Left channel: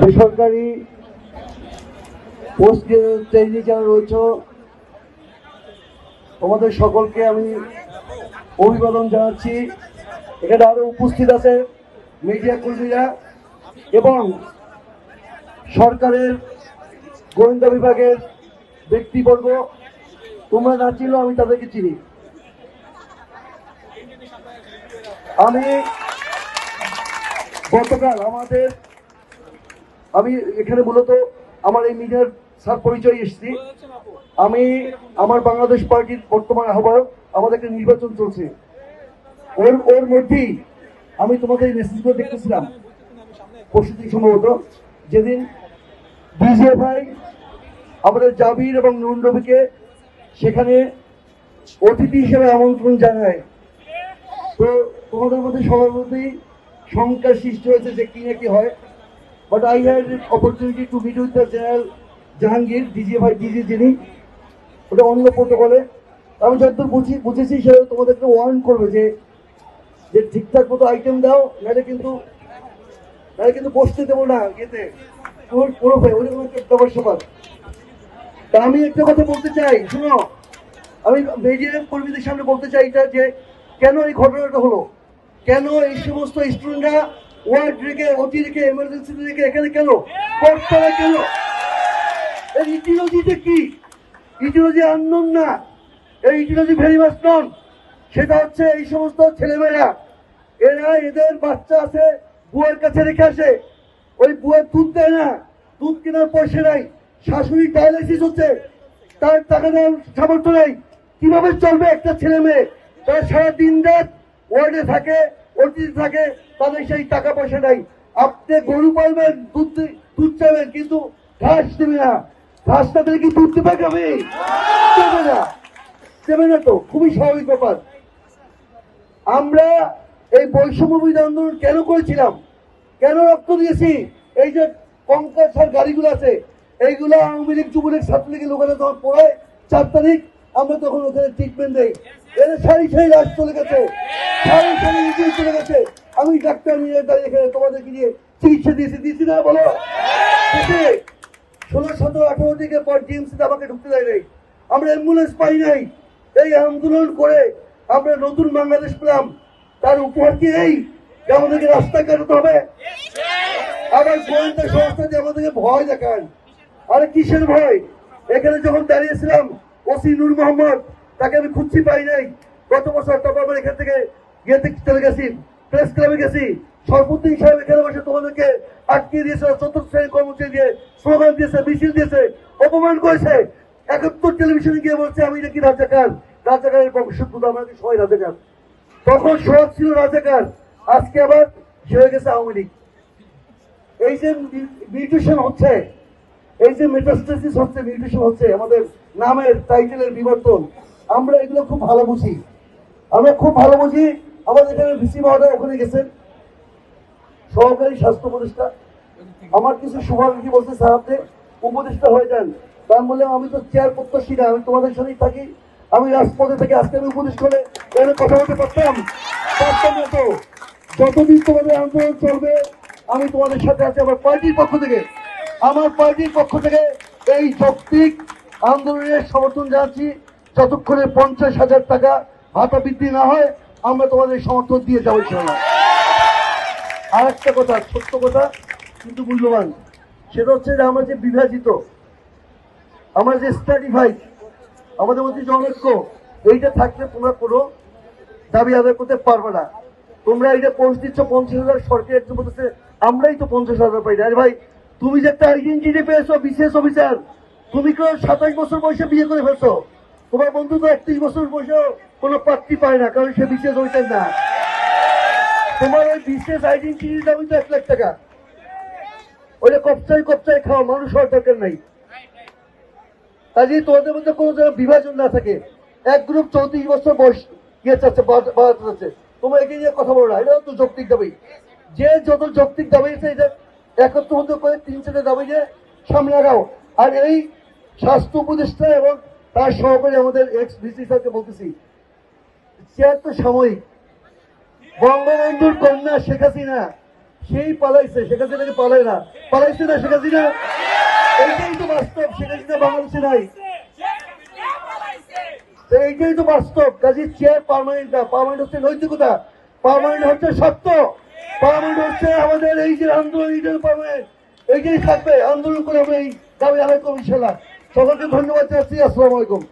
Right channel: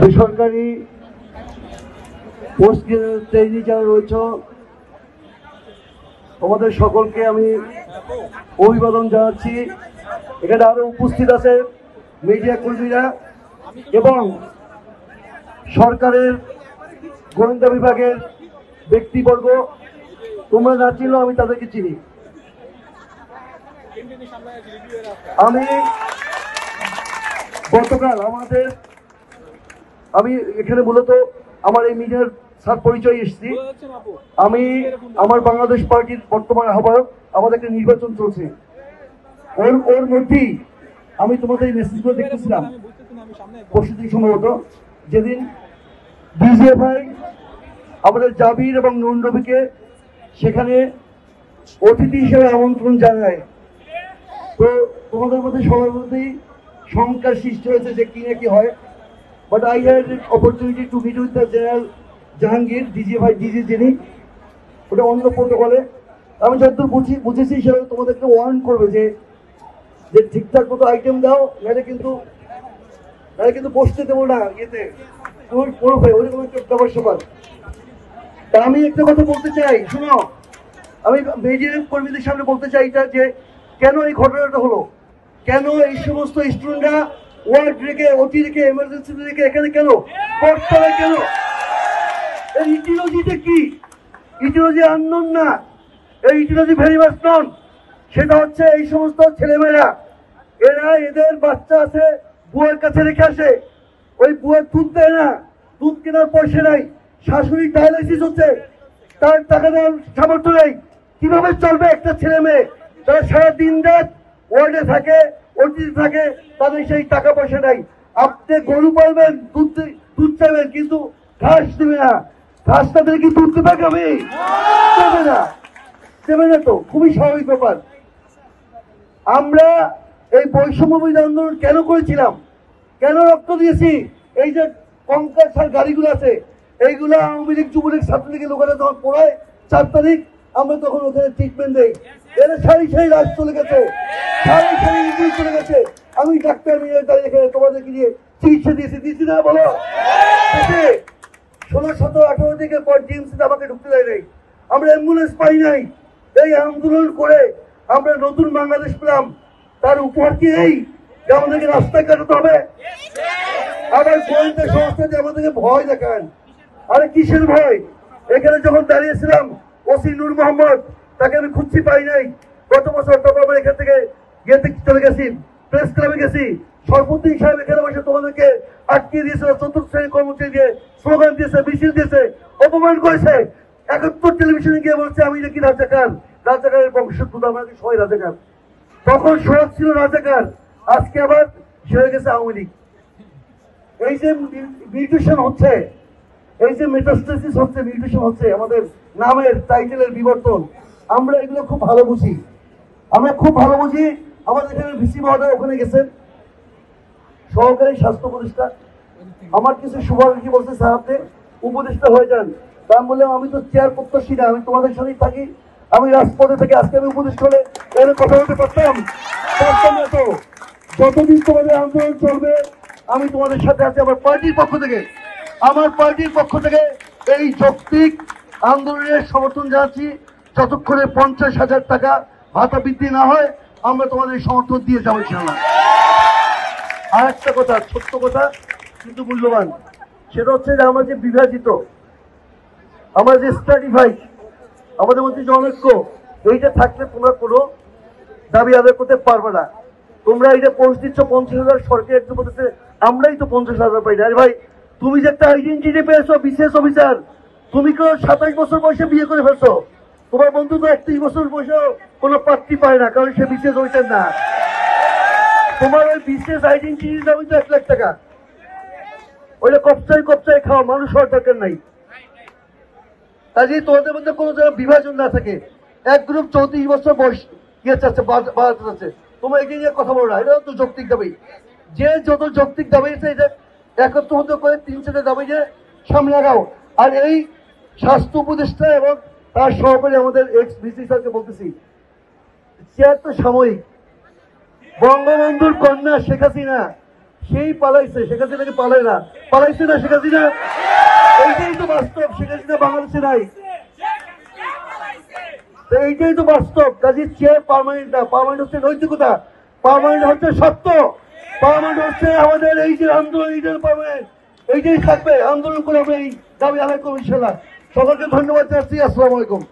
বেসরকারি post training যারা রয়েছে তোমাদের সকলকে আমি অভিবাদন জানাচ্ছি। এখানে আরো উপস্থিত আছে মিডিয়া কর্মীরা এবং সরকারের গোয়েন্দা বিভাগের ব্যক্তিবর্গ। তোমরা না চিনো, আমি তাদেরকে চিনি। আমি গতকাল আমি এখানে মূলত আমার এই মিডিয়ার স্যার পরিচয় এসেছি। আমি আমার বাংলাদেশ পার্টির বর্তমান আহ্বায়ক। আমাদের একটা নির্বাচন চলছে, ওর মধ্যেই আমি তোমাদের এই মেসেজগুলো দেখতেছিলাম পরশুদিন সম্ভবত, যেদিন ডিজিএফআই আমাদের জাবির এবং নুন রবিকে সেখানে অতিথি হিসেবে আমন্ত্রণ জানায়। তো তোমাদের মধ্যে সবার মধ্যেই সংখ্যার সৃষ্টি হয়েছে যে কি না কি হয়। But I had opportunity to meet with the general Jahangir, DG যিনি, ওটা অন্য প্রোটোকলে। আমি যতদূর বুঝেছি সে তোমাদেরকে ওয়ার্ন করবে যে ঠিকঠাক মতো আইটেম দাও, নাহলে কিন্তু বসতে দেবো না এতে করবে ওই দেওয়ার সবার। তা আমি একটা কথা বলতে চাই, শুনো, আমি মিডিয়া কর্মীদের সামনে বলতে চাই এটা যে কেন এই ঘটনাটা হলো, কেন এই সমস্ত স্টুডেন্টরা ওয়ার্ড রেখে অতি রেখে এমার্জেন্সি রেখে এখানে কেন কর্তারা কেন? এই ইটিওলজিটা কি? ইটিওলজি আননোন না, এই ইটিওলজি ভেরি মাচ নন। সেটা হচ্ছে এই সমস্ত ছেলেমেয়েরা, এরা এদের বাচ্চা আছে বুয়ার কাছে রেখে আসে, ওই বুয়ার দুধ দেয় না, দুধ কেনার পয়সা নাই, শাশুড়ি ডায়ালিসিস হচ্ছে, তার টাকা দেওয়ার সামর্থ্য নেই। কিভাবে চলবে একটা ছেলে মেয়ে? তারা সারা দিন রাত ওয়ার্ডে থাকে, অতিথি থাকে, তাদের সেই টাকা পয়সা নাই। আপনি গরু পালবেন, দুধ চাইবেন, কিন্তু ঘাস দেবে না। ঘাস না দিলে কি দুধ দেবে? আমি দেবে না তো, খুবই স্বাভাবিক ব্যাপার। আমরা এই বৈষম্য বিরোধী আন্দোলন কেন করেছিলাম, কেন রক্ত দিয়েছি? এই যে কঙ্কাল সার গাড়িগুলো আছে, এইগুলো আওয়ামী লীগ যুবলীগ ছাত্রলীগের লোকেরা যখন পড়ায় 4 তারিখ, আমরা তখন ওখানে ট্রিটমেন্ট দেই। এরা সারি রাজ চলে গেছে, সারি চলে গেছে। আমি ডাক্তার নিয়ে দাঁড়িয়ে তোমাদেরকে নিয়ে চিকিৎসা দিয়েছি না বলো? 16, 17, 18 দিকের পর ডিএমসিতে আমাকে ঢুকতে দেয় নাই, আমরা অ্যাম্বুলেন্স পাই নাই। এই আন্দোলন করে আমরা নতুন বাংলাদেশ পেলাম। তার উপহার কি এই যে আমাদেরকে রাস্তায় কাটাতে হবে? আবার গোয়েন্দা সংস্থা যে আমাদেরকে ভয় দেখান। আরে কিসের ভয়? এখানে যখন দাঁড়িয়েছিলাম ওসি নূর মোহাম্মদ, তাকে আমি খুঁজছি পাই নাই। গত বছর তখন এখান থেকে চলে গেছি, প্রেস ক্লাবে গেছি, সরফুদ্দিন সাহেব এখানে বসে তোমাদেরকে আটকিয়ে দিয়েছিল, 4th শ্রেণীর কর্মচারী দিয়ে স্লোগান দিয়েছে, মিছিল দিয়েছে, অপমান করেছে। 71 টেলিভিশনে গিয়ে বলছে আমি নাকি রাজাকার, রাজাকারের বংশোদ্ভূত, আমরা কি সবাই রাজাকার। তখন সহজ ছিল রাজাকার, আজকে আবার হয়ে গেছে আওয়ামী লীগ। এই যে মিউটেশন হচ্ছে, এই যে মেটাস্টেসিস হচ্ছে, মিউটেশন হচ্ছে, আমাদের নামের টাইটেলের বিবর্তন, আমরা এগুলো খুব ভালো বুঝি। আমরা খুব ভালো বুঝি। আমাদের এখানে ভিসি মহোদয় ওখানে গেছেন, সহকারী স্বাস্থ্য উপদেষ্টা। আমার কিছু শুভাকাঙ্ক্ষী বলছে স্যার আপনি উপদেষ্টা হয়ে যান। তার বললাম আমি তো চেয়ার প্রত্যাশী না, আমি তোমাদের সঙ্গেই থাকি, আমি রাজপথে থেকে আজকে আমি উপদেষ্টা হলে এর কথা বলতে পারতাম না তো। যতদিন তোমাদের আন্দোলন চলবে আমি তোমাদের সাথে আছি। আমার পার্টির পক্ষ থেকে এই যৌক্তিক আন্দোলনের সমর্থন জানাচ্ছি। যতক্ষণে 50,000 টাকা ভাতা বৃদ্ধি না হয় আমরা তোমাদের সমর্থন দিয়ে যাবো ইনশাআল্লাহ। আর একটা কথা, ছোট্ট কথা কিন্তু মূল্যবান, সেটা হচ্ছে যে আমরা যে বিভাজিত, আমরা যে স্ট্র্যাটিফাইড, আমাদের মধ্যে যে অনৈক্য, এইটা থাকলে তোমরা কোনো দাবি আদায় করতে পারবে না। তোমরা এটা পোস্ট দিচ্ছ 50,000, সরকার একটু বলতেছে আমরাই তো 50,000 পাই। আরে ভাই, তুমি যে একটা আইডেন্টিটি পেয়েছো বিসিএস অফিসার, তুমি কেউ 27 বছর বয়সে বিয়ে করে ফেলছো, তোমার বন্ধু তো 31 বছর বয়সেও কোনো প্রার্থী পায় না, কারণ সে বিসিএস ওইটার না। তোমার ওই বিসিএস আইডেন্টিটির দাবি তো 1 লাখ টাকা। ওইটা কপচাই খাওয়া মানুষ হওয়ার দরকার নাই। কাজে তোমাদের মধ্যে কোনো যেন বিভাজন না থাকে। এক গ্রুপ 34 বছর বয়স ইয়ে চাচ্ছে, বাড়াতে চাচ্ছে, তোমরা এগিয়ে নিয়ে কথা বলো না, এটাও তো যৌক্তিক দাবি। যে যত যৌক্তিক দাবি আছে এটা একত্র করে 3-4 দাবি যে সামনে আগাও। আর এই স্বাস্থ্য উপদেষ্টা এবং তার সহকারী আমাদের এক্স ভিসি স্যারকে বলতেছি, চেয়ার তো সাময়িক। বঙ্গবন্ধুর কন্যা শেখ হাসিনা সেই পালাইছে, শেখ হাসিনাকে পালায় না, পালাইছে না শেখ হাসিনা। এইটাই তো বাস্তব, শেখ হাসিনা বাংলাদেশে নাই, এইটাই তো বাস্তব। কাজে চেয়ার পার্মানেন্ট না, পার্মানেন্ট হচ্ছে নৈতিকতা, পার্মানেন্ট হচ্ছে সত্য, পার্মানেন্ট হচ্ছে আমাদের এই যে আন্দোলন, এইটার পার্মানেন্ট, এইটাই থাকবে। আন্দোলন করে আমরা এই দাবি আদায় করবো ইনশাল্লাহ। সকলকে ধন্যবাদ জানাচ্ছি। আসসালামু আলাইকুম।